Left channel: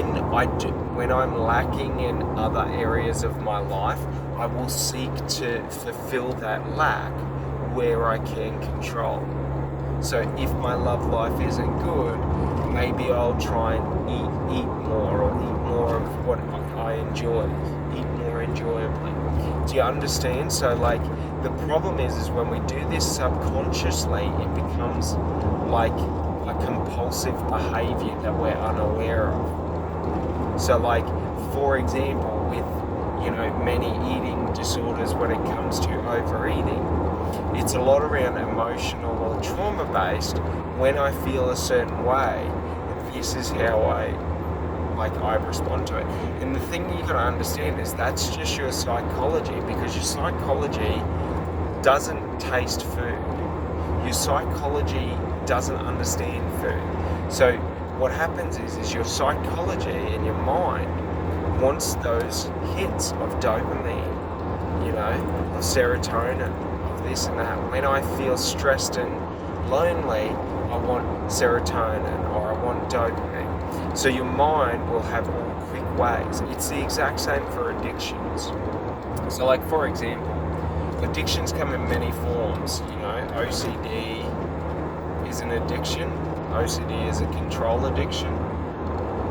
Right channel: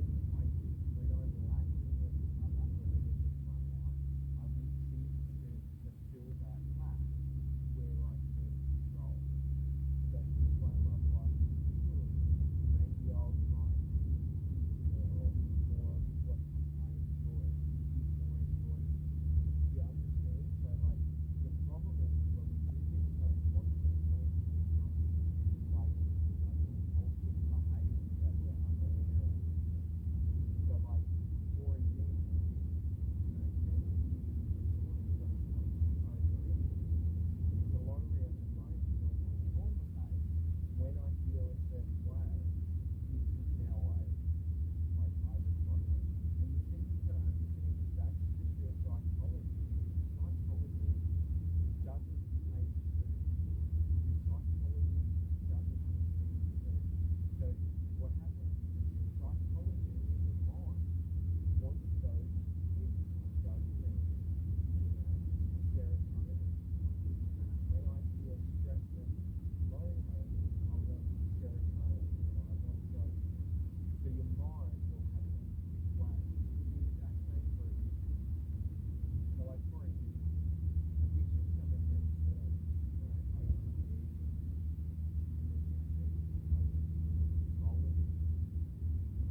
when I'm lacking in other areas of my life, I will seek to fulfill that lack where I can control. So if my love life isn't good, maybe I'll try and eat more, or eat more of what I enjoy, eat more enjoyably. Do you understand? So like the problem is when we do this subconsciously, it becomes like a compulsive behavior that we're unaware of. So like, for example, with many eating disorders, when it comes to overeating, it's a lot around emotional or trauma based. When I feel a certain way, this is how I respond to it. And the thing you gotta understand is that's just your psychology, because your psychology doesn't taste food. Your psychology doesn't understand food. So what happens is your psychology and your mind wants those hits of dopamine, of serotonin, of this and that. When I feel stressed and lonely, I want serotonin or I want dopamine. So your mind will have all quick ways. It's the exact same for addictions. So like, for example, addictions come in many forms. OCD is an addiction. OCD is a control addiction.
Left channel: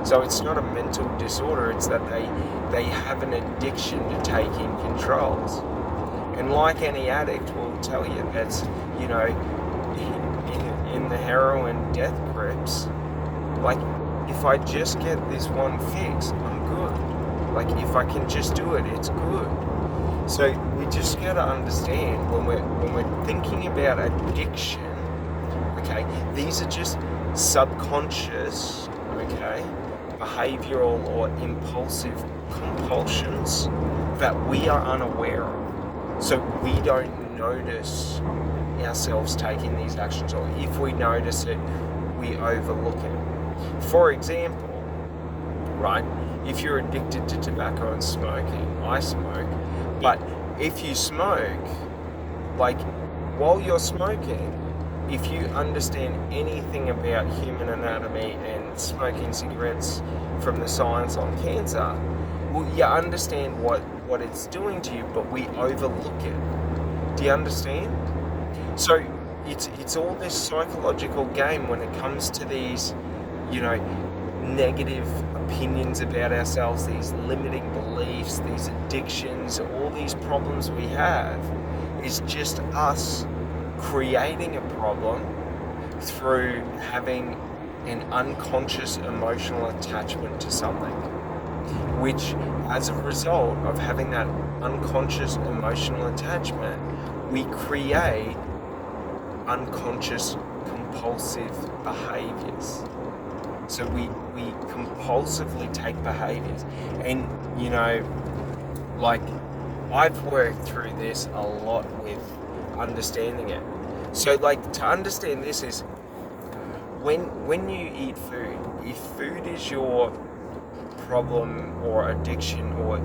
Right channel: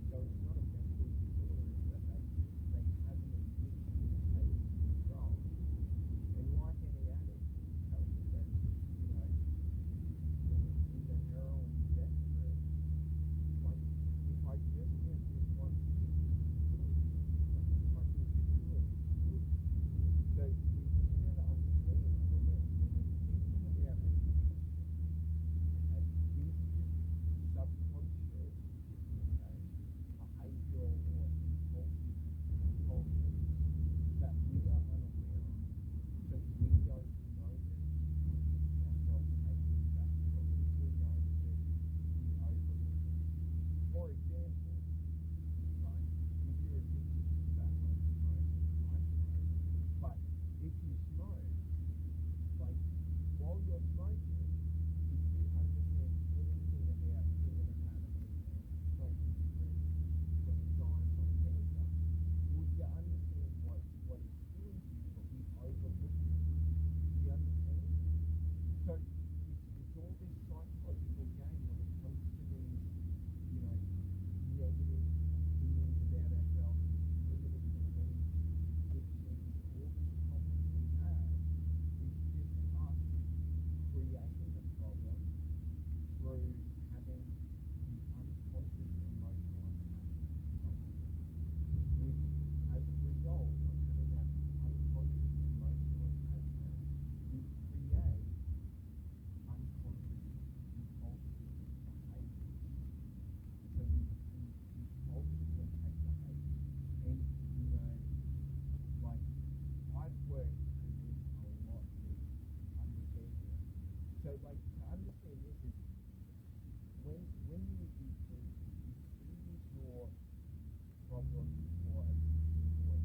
So it's not a mental disorder, it's that they have an addiction to taking controls. And like any addict will tell you, that's, in the heroin death grips, like, if I just get this one fix, I'm good. Like, if I can just do it, it's good. So we just gotta understand, when we're thinking about addiction, okay, these are just subconscious, okay, behavioral or impulsive compulsions that we are unaware of. So we don't notice ourselves taking these actions, or if we notice it, we overlook it. For example, right, if you're addicted to tobacco and smoking, I smoke, but if you smoke, like, while you're smoking, if you understand anything about human anatomy and smoking cigarettes from the science on cancer, well, you understand what it's doing to you, but we overlook it. Do you understand? So it's all this psychological game when it comes to these, negative opinions about ourselves, these limiting beliefs, these addictions, all these problems we have, is just us creating a problem through having an unconscious emotional attachment to something, which, as a result of having that unconscious emotional attachment, we create unconscious compulsive behaviors. So we compulsively take behaviors. And like, I've worked through this a lot with understanding it. So like, to understand this is, when you eat food, if food is your problem or addiction, or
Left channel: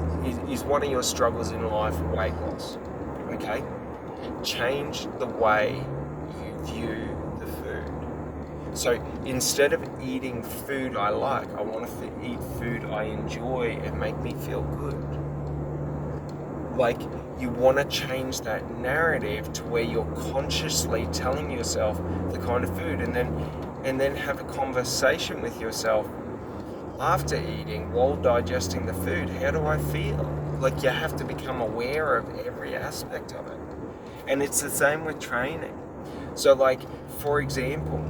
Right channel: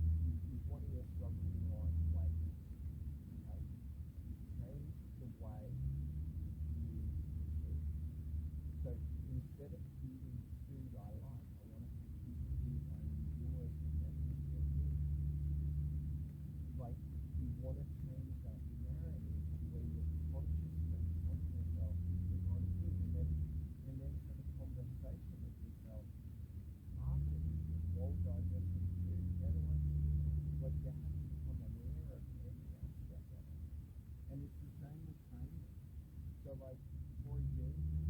is one of your struggles in life weight loss, okay, change the way you view the food. So instead of eating food I like, I want to eat food I enjoy and make me feel good. Like, you want to change that narrative to where you're consciously telling yourself the kind of food, and then have a conversation with yourself after eating, while digesting the food. How do I feel? Like, you have to become aware of every aspect of it. And it's the same with training. So like, for example,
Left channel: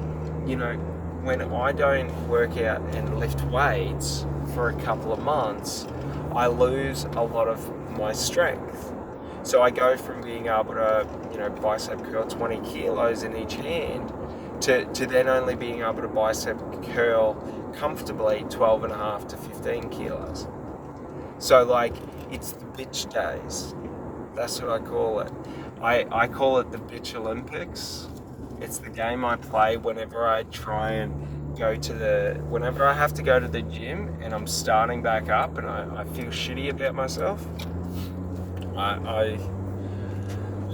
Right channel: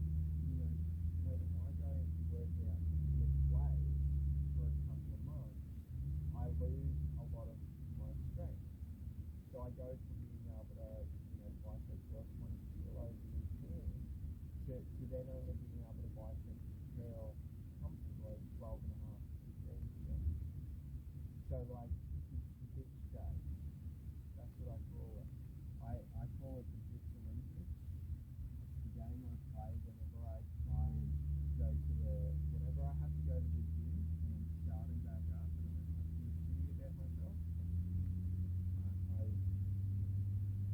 when I don't work out and lift weights for a couple of months, I lose a lot of my strength. So I go from being able to, bicep curl 20 kilos in each hand to then only being able to bicep curl comfortably 12.5 to 15 kilos. So like, it's the bitch days. That's what I call it. I call it the bitch Olympics. It's the game I play whenever I try and whenever I have to go to the gym and I'm starting back up and I feel shitty about myself.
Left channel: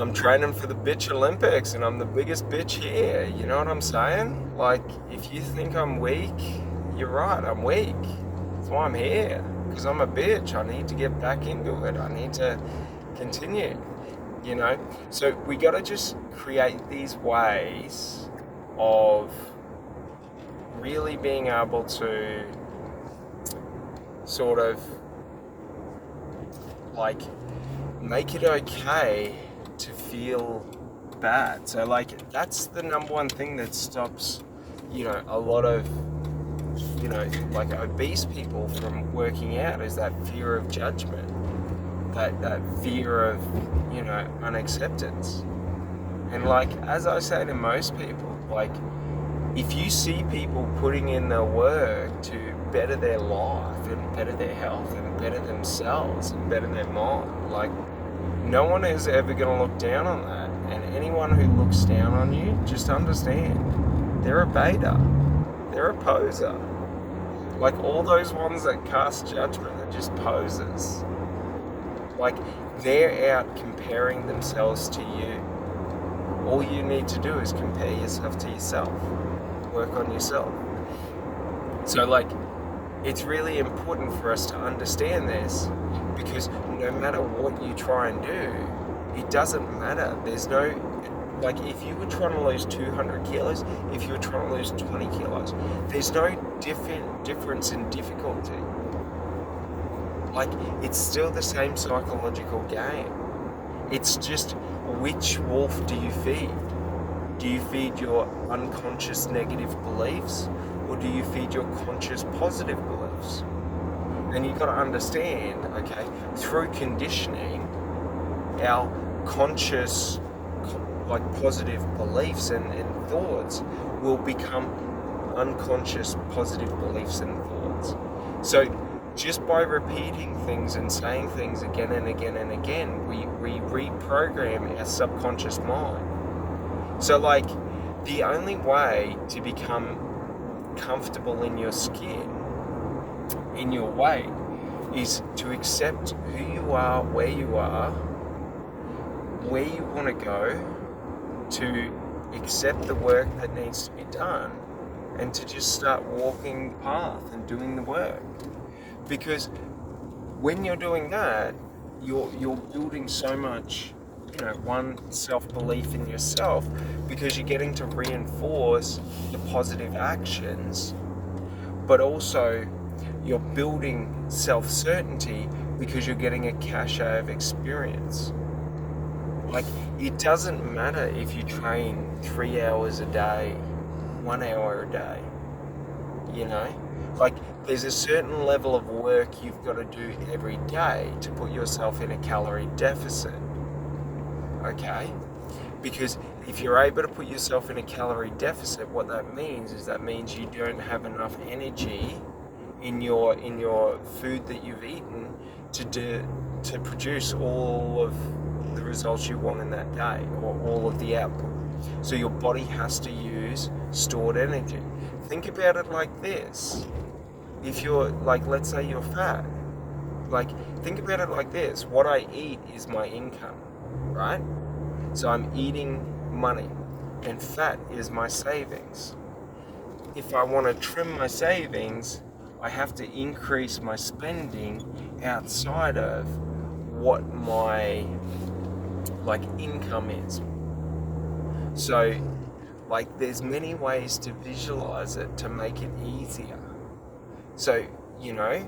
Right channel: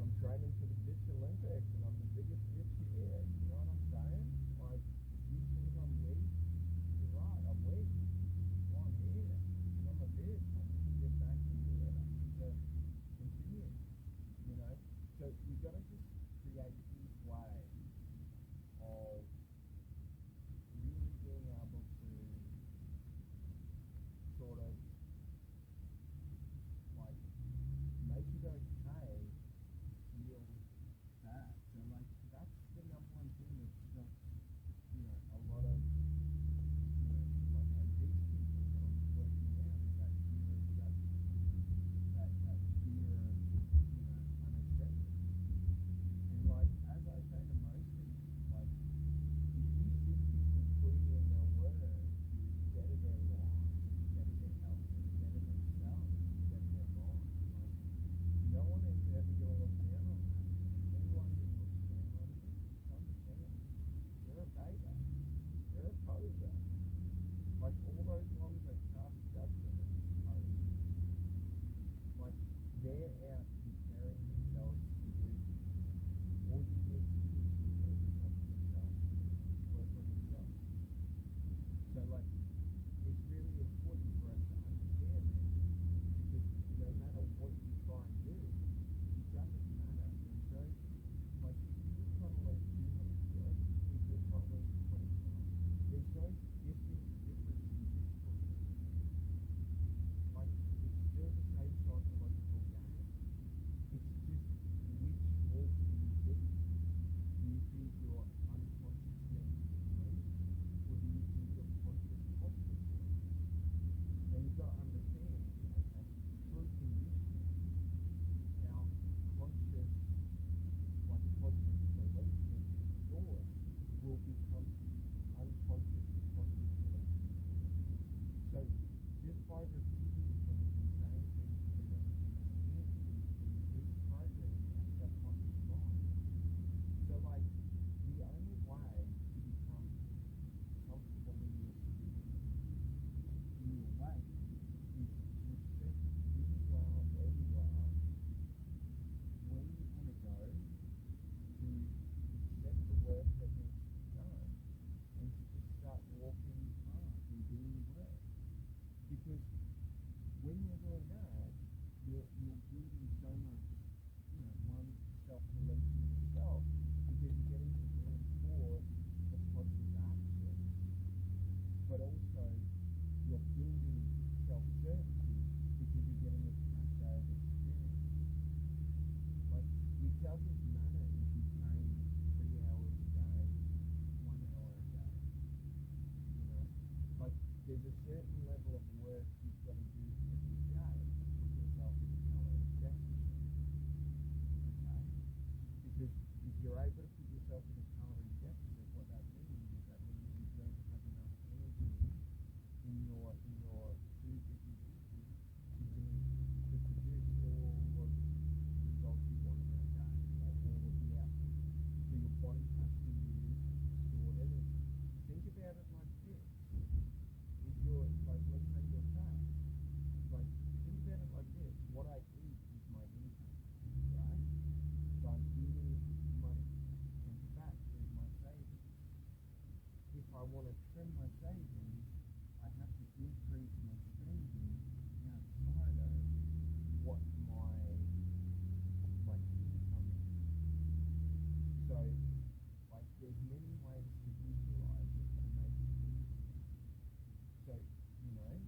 I'm training for the bitch Olympics and I'm the biggest bitch here. You know what I'm saying? Like, if you think I'm weak, you're right, I'm weak. why I'm here, because I'm a bitch. I need to get back into it. I need to continue, you know? So we got to just create these ways of really being able to sort of like make it okay to feel bad. So like that's the number one thing that stops, you know, a lot of, you know, like obese people from working out, is that fear of judgment, that fear of, you know, unacceptance. And like, as I say to most people, like, if you see people putting in the work to better their life and better their health and better themselves and better their mind, like, no one is ever going to look down on that. And anyone who looks down on you, just understand, they're a beta. They're a poser. Like, all those ones that cast judgment are just posers. Like, they're out comparing themselves to you. All you need to do is compare yourself to yourself. Work on yourself. So like, it's really important for us to understand this, because no matter what you try and do, it doesn't matter. There's no, like, if you were trying to lose 200 kilos, if you were trying to lose 20 kilos, there's no difference in difficulty. Like, it's still the same psychological game. It's just, which wolf do you feed? Do you feed your unconscious negative beliefs, or do you feed your conscious positive beliefs? And you've got to understand, okay, through conditioning, our conscious, like, positive beliefs and thoughts will become unconscious positive beliefs and thoughts. So just by repeating things and saying things again and again and again, we reprogram our subconscious mind. So like, the only way to become comfortable in your skin, in your weight, is to accept who you are, where you want to go, to accept the work that needs to be done, and to just start walking the path and doing the work. Because when you're doing that, you're building so much, you know, one, self-belief in yourself, because you're getting to reinforce the positive actions, but also you're building self-certainty because you're getting a cachet of experience. Like, it doesn't matter if you train 3 hours a day, 1 hour a day, you know? Like, there's a certain level of work you've got to do every day to put yourself in a calorie deficit, okay? Because if you're able to put yourself in a calorie deficit, what that means is you don't have enough energy in your food that you've eaten to produce all of the results you want in that day, or all of the output. So your body has to use stored energy. Think about it like this. If you're, like, let's say you're fat, like, think about it like this. What I eat is my income, right? So I'm eating money, and fat is my savings. If I want to trim my savings, I have to increase my spending outside of what my, like, income is. So, like, there's many ways to visualize it to make it easier. So, you know,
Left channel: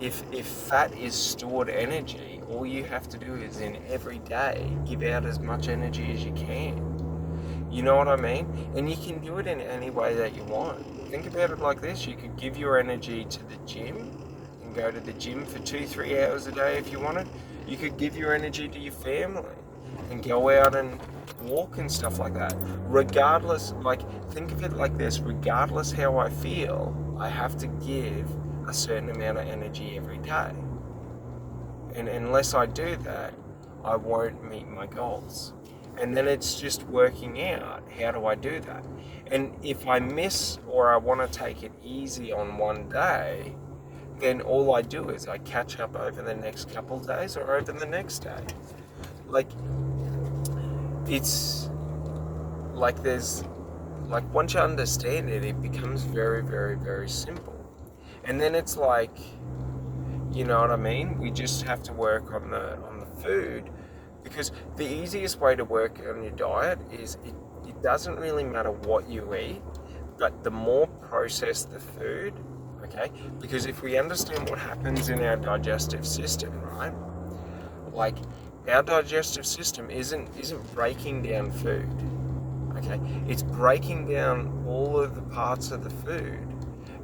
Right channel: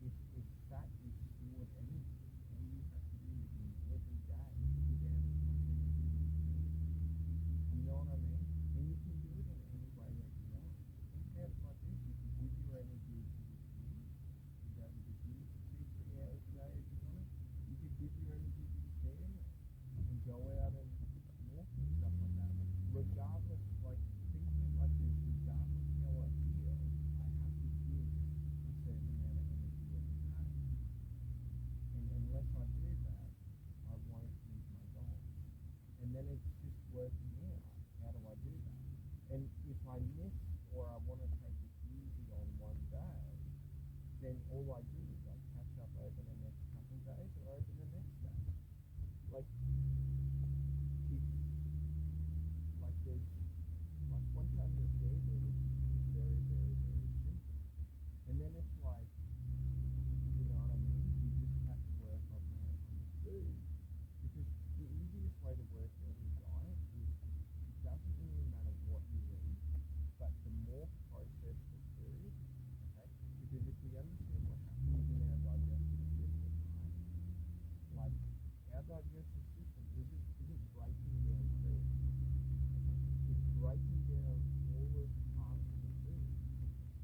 if fat is stored energy, all you have to do is, in every day, give out as much energy as you can. You know what I mean? And you can do it in any way that you want. Think about it like this. You could give your energy to the gym and go to the gym for 2-3 hours a day if you wanted. You could give your energy to your family and go out and walk and stuff like that. Regardless, like, think of it like this. Regardless how I feel, I have to give a certain amount of energy every day. And unless I do that, I won't meet my goals. And then it's just working out, how do I do that? And if I miss, or I want to take it easy on one day, then all I do is I catch up over the next couple of days, or over the next day. Like, it's like, there's, like, once you understand it, it becomes very, very, very simple. And then it's like, you know what I mean? We just have to work on the food, because the easiest way to work on your diet is it doesn't really matter what you eat, but the more processed the food, okay? Because if we understand what happens in our digestive system, right? Like, our digestive system isn't breaking down food, okay? It's breaking down all of the parts of the food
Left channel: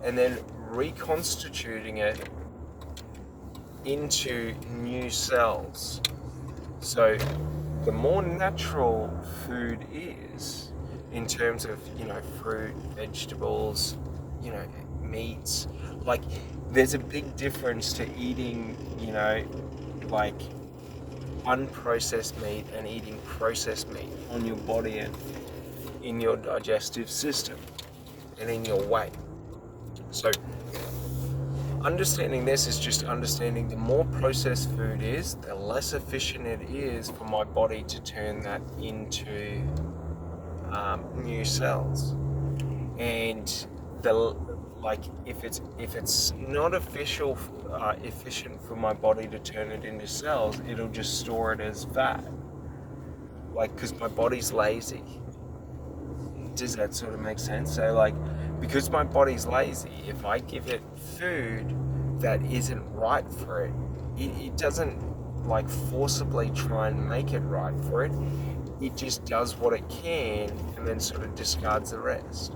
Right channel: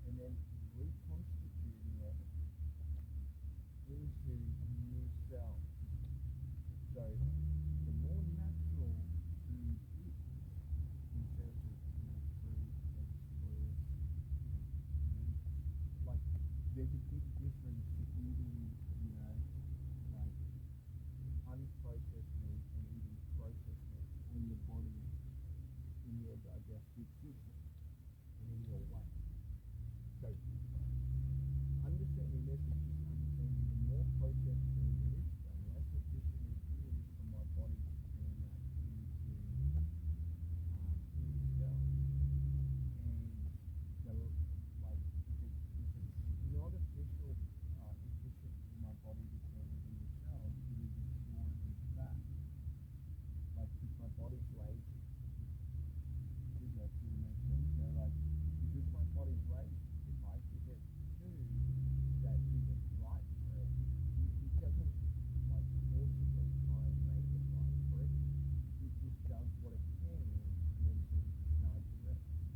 and then reconstituting it into new cells. So the more natural food is, in terms of, fruit, vegetables, meats, like, there's a big difference to eating, like, unprocessed meat and eating processed meat on your body and in your digestive system and in your weight. So understanding this is just understanding the more processed food is, the less efficient it is for my body to turn that into new cells. And the like, if it's not efficient for my body to turn it into cells, it'll just store it as fat. Like, because my body's lazy. Does that sort of make sense? So, like, because my body's lazy, if I give it food that isn't right for it, it doesn't, like, forcibly try and make it right for it. It just does what it can and then sort of discards the rest.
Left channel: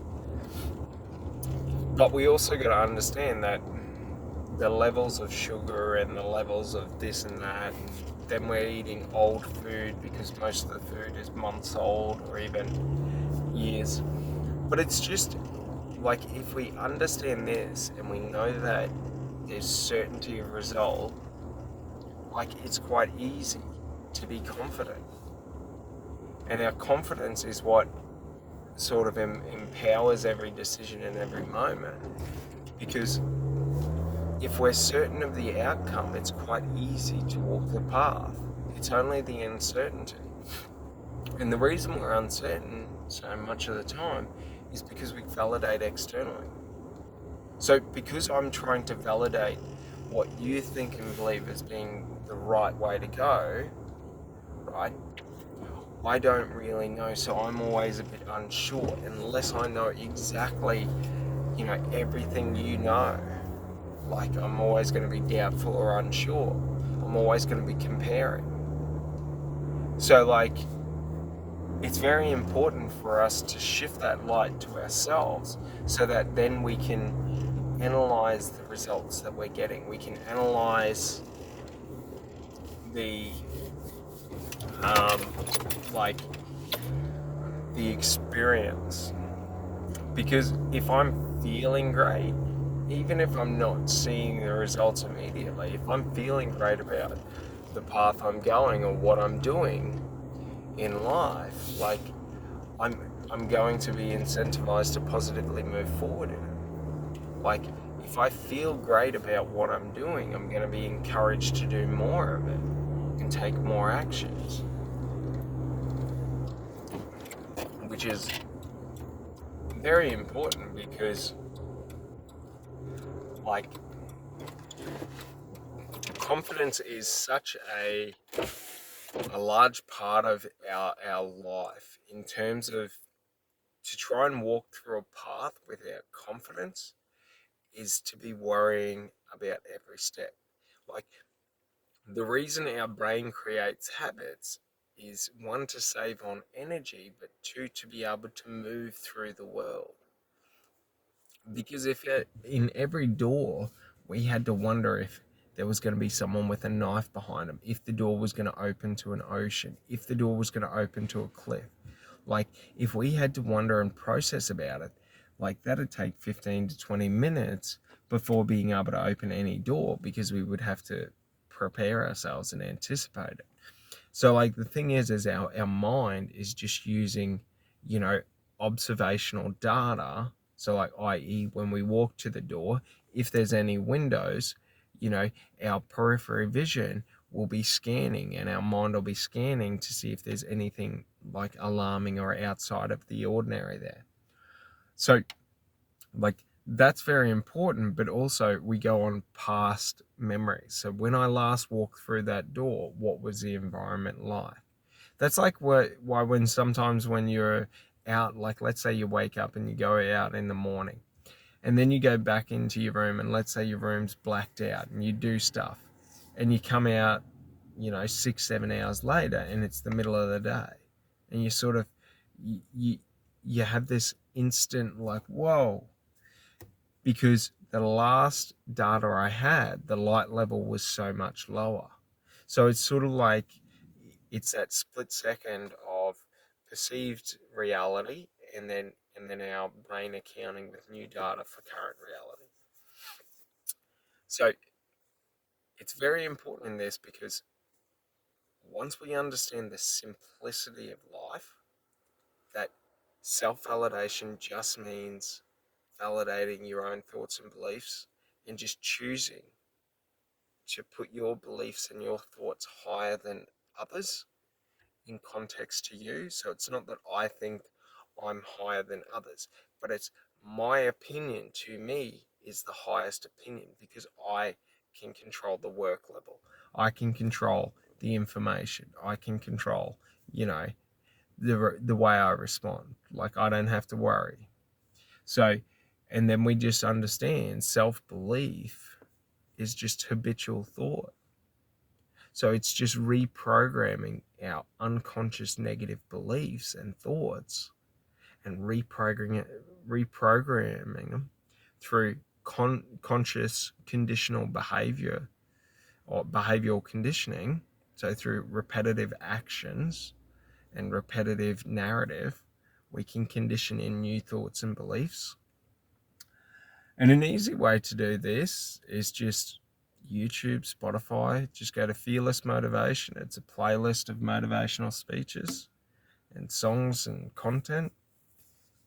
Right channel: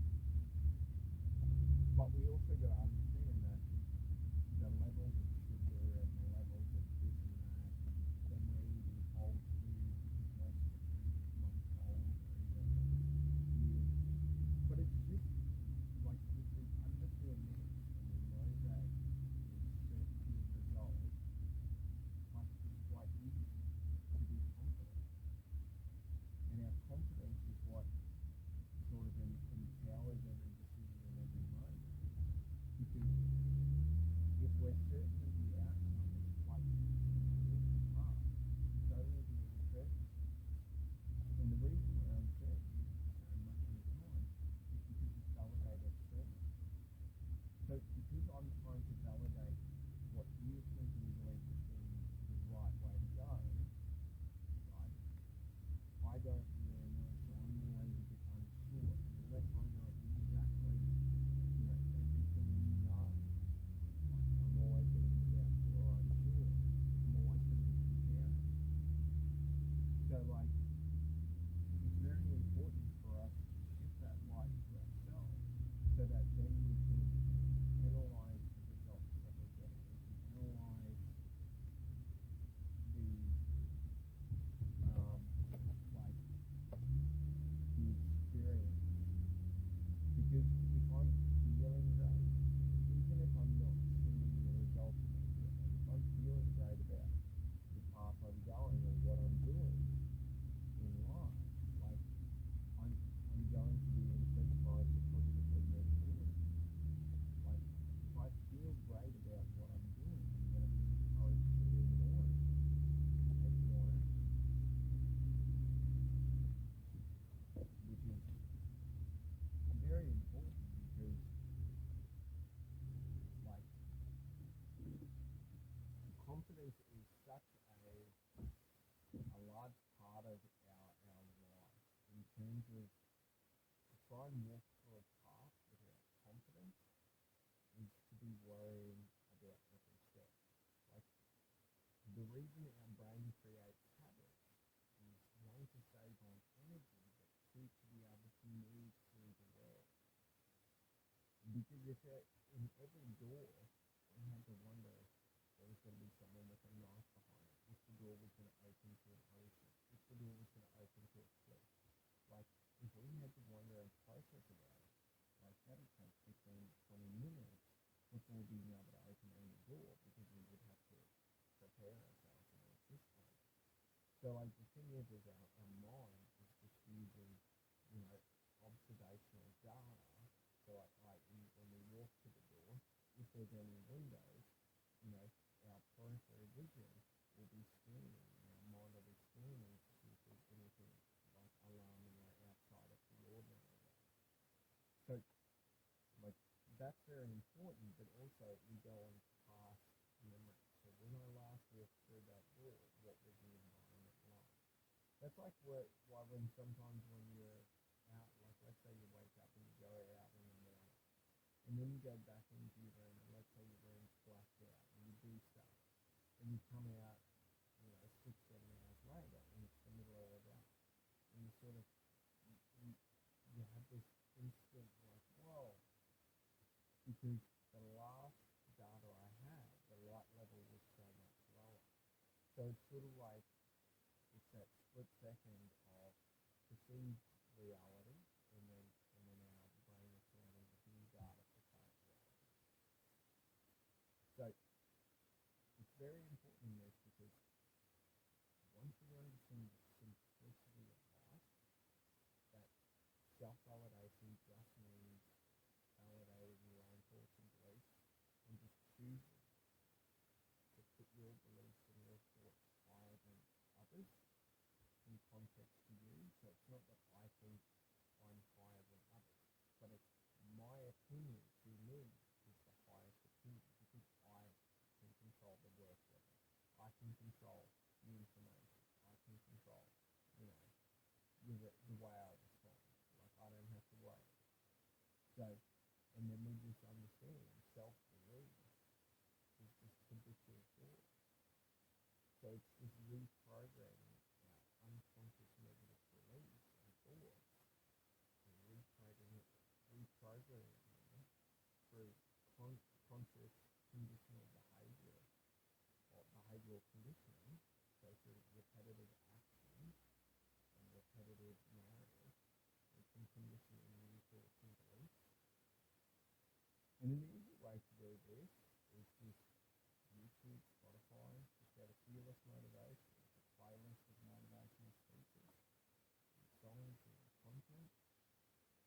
But we also got to understand that the levels of sugar and the levels of this and that, and then we're eating old food because most of the food is months old or even years. But it's just like, if we understand this and we know that there's certainty of result, like, it's quite easy to be confident. And our confidence is what sort of empowers every decision in every moment. Because if we're certain of the outcome, it's quite easy to walk the path. It's only the uncertainty. And the reason we're uncertain so much of the time is because we validate externally. So because I'm trying to validate what you think and believe as being the right way to go, right, I don't really know, so I'm always a bit unsure unless I know exactly, everything you know. Like, I'm always going to be doubtful or unsure. I'm always going to be comparing. So, like, it's very important for us to shift that light to ourselves so that then we can analyze the results that we're getting. We can analyze the like, the experience. Because if I'm feeling great, even if I'm not seeing the results immediately, if I'm feeling great about the path I'm going or what I'm doing in life, like, I'm going to be incentivized to positively move forward in it. Like, if I feel great about what I'm doing, I'm going to be encouraged to do more of it and take more actions, which is very important because, like, confidence is such a large part of our life, in terms of, to try and walk through a path without confidence is to be worrying about every step. Like, the reason our brain creates habits is, one, to save on energy, but two, to be able to move through the world. Because if in every door we had to wonder if there was going to be someone with a knife behind them, if the door was going to open to an ocean, if the door was going to open to a cliff, like, if we had to wonder and process about it, like, that'd take 15 to 20 minutes before being able to open any door, because we would have to prepare ourselves and anticipate it. So, like, the thing is our mind is just using, observational data. So, like, i.e., when we walk to the door, if there's any windows, our periphery vision will be scanning and our mind will be scanning to see if there's anything, like, alarming or outside of the ordinary there. So, like, that's very important, but also we go on past memories. So when I last walked through that door, what was the environment like? That's like why when sometimes when you're out, like let's say you wake up and you go out in the morning and then you go back into your room and let's say your room's blacked out and you do stuff and you come out, 6 7 hours later and it's the middle of the day and you sort of you you have this instant like whoa, because the last data I had, the light level was so much lower. So it's sort of like it's that split second of perceived reality and then our brain accounting with new data for current reality. So it's very important in this because once we understand the simplicity of life, that self-validation just means validating your own thoughts and beliefs and just choosing to put your beliefs and your thoughts higher than others in context to you. So it's not that I think I'm higher than others, but it's my opinion to me is the highest opinion because I can control the work level. I can control the information. I can control, you know, the way I respond. Like I don't have to worry. So, and then we just understand self belief is just habitual thought. So it's just reprogramming our unconscious negative beliefs and thoughts and reprogramming them through conscious conditional behavior or behavioral conditioning. So through repetitive actions and repetitive narrative, we can condition in new thoughts and beliefs. And an easy way to do this is just YouTube, Spotify. Just go to Fearless Motivation. It's a playlist of motivational speeches and songs and content,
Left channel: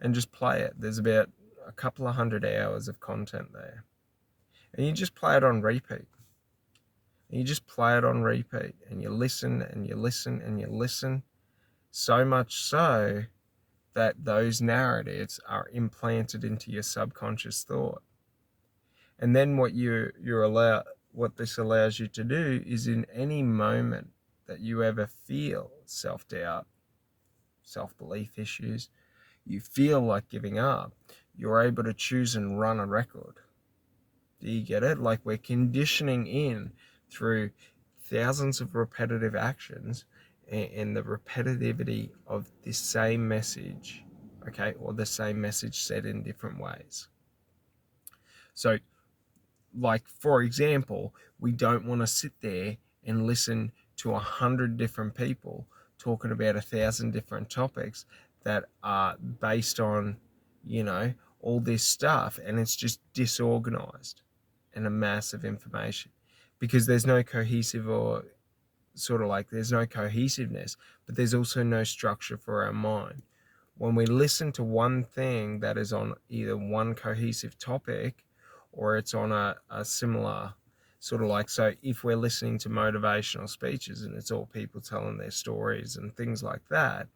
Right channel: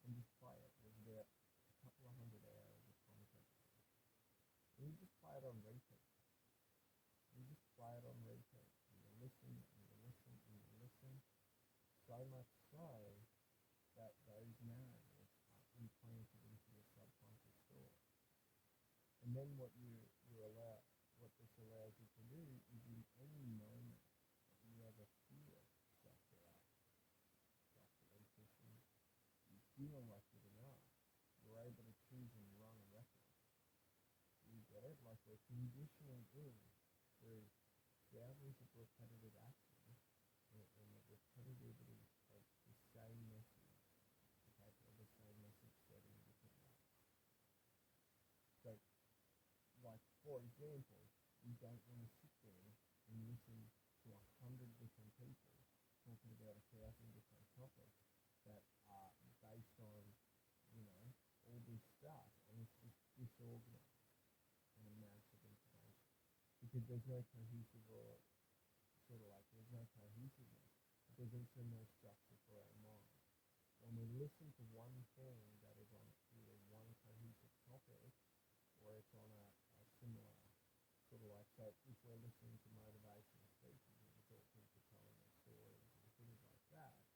and just play it. There's about a couple of 100 hours of content there. And you just play it on repeat. And you just play it on repeat. And you listen and you listen and you listen. So much so that those narratives are implanted into your subconscious thought. And then what this allows you to do is in any moment that you ever feel self-doubt, self-belief issues, you feel like giving up, you're able to choose and run a record. Do you get it? Like we're conditioning in through thousands of repetitive actions and the repetitivity of the same message, okay, or the same message said in different ways. So like for example, we don't want to sit there and listen to 100 different people talking about 1,000 different topics that are based on, all this stuff, and it's just disorganized and a mass of information because there's no cohesive or sort of like there's no cohesiveness, but there's also no structure for our mind. When we listen to one thing that is on either one cohesive topic or it's on a similar sort of like, so if we're listening to motivational speeches and it's all people telling their stories and things like that,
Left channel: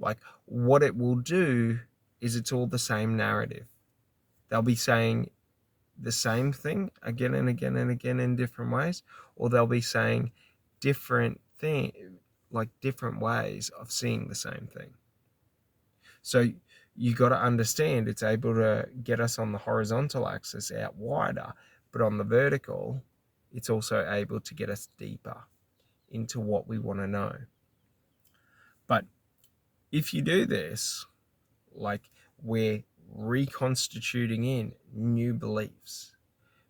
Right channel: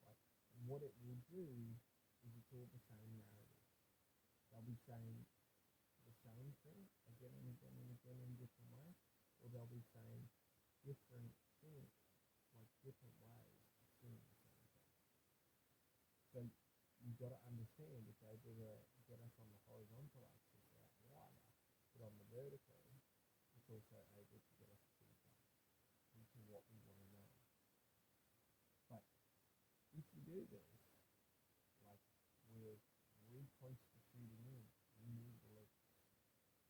like what it will do is it's all the same narrative. They'll be saying the same thing again and again and again in different ways, or they'll be saying different thing, like different ways of seeing the same thing. So you got to understand it's able to get us on the horizontal axis out wider, but on the vertical, it's also able to get us deeper into what we want to know. But if you do this, like we're reconstituting in new beliefs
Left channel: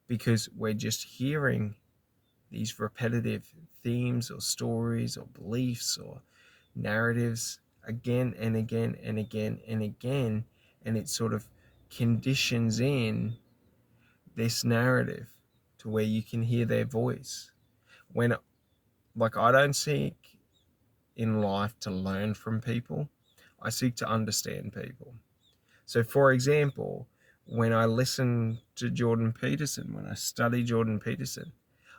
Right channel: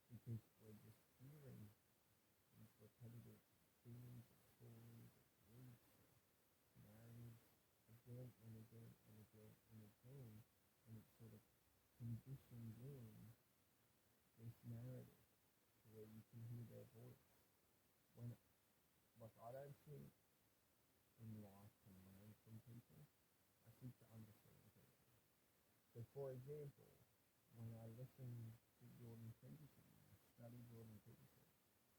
because we're just hearing these repetitive themes or stories or beliefs or narratives again and again and again and again, and it sort of conditions in this narrative to where you can hear their voice. When, like, I don't seek in life to learn from people, I seek to understand people. So, for example, when I listen to Jordan Peterson, when I study Jordan Peterson,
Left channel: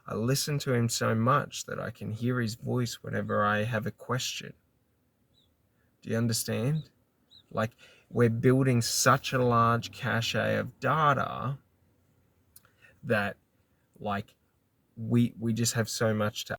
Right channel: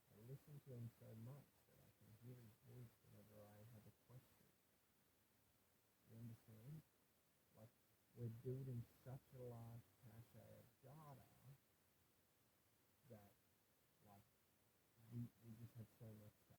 I listen to him so much that I can hear his voice whenever I have a question. Do you understand? Like we're building such a large cache of data that like we just have so much to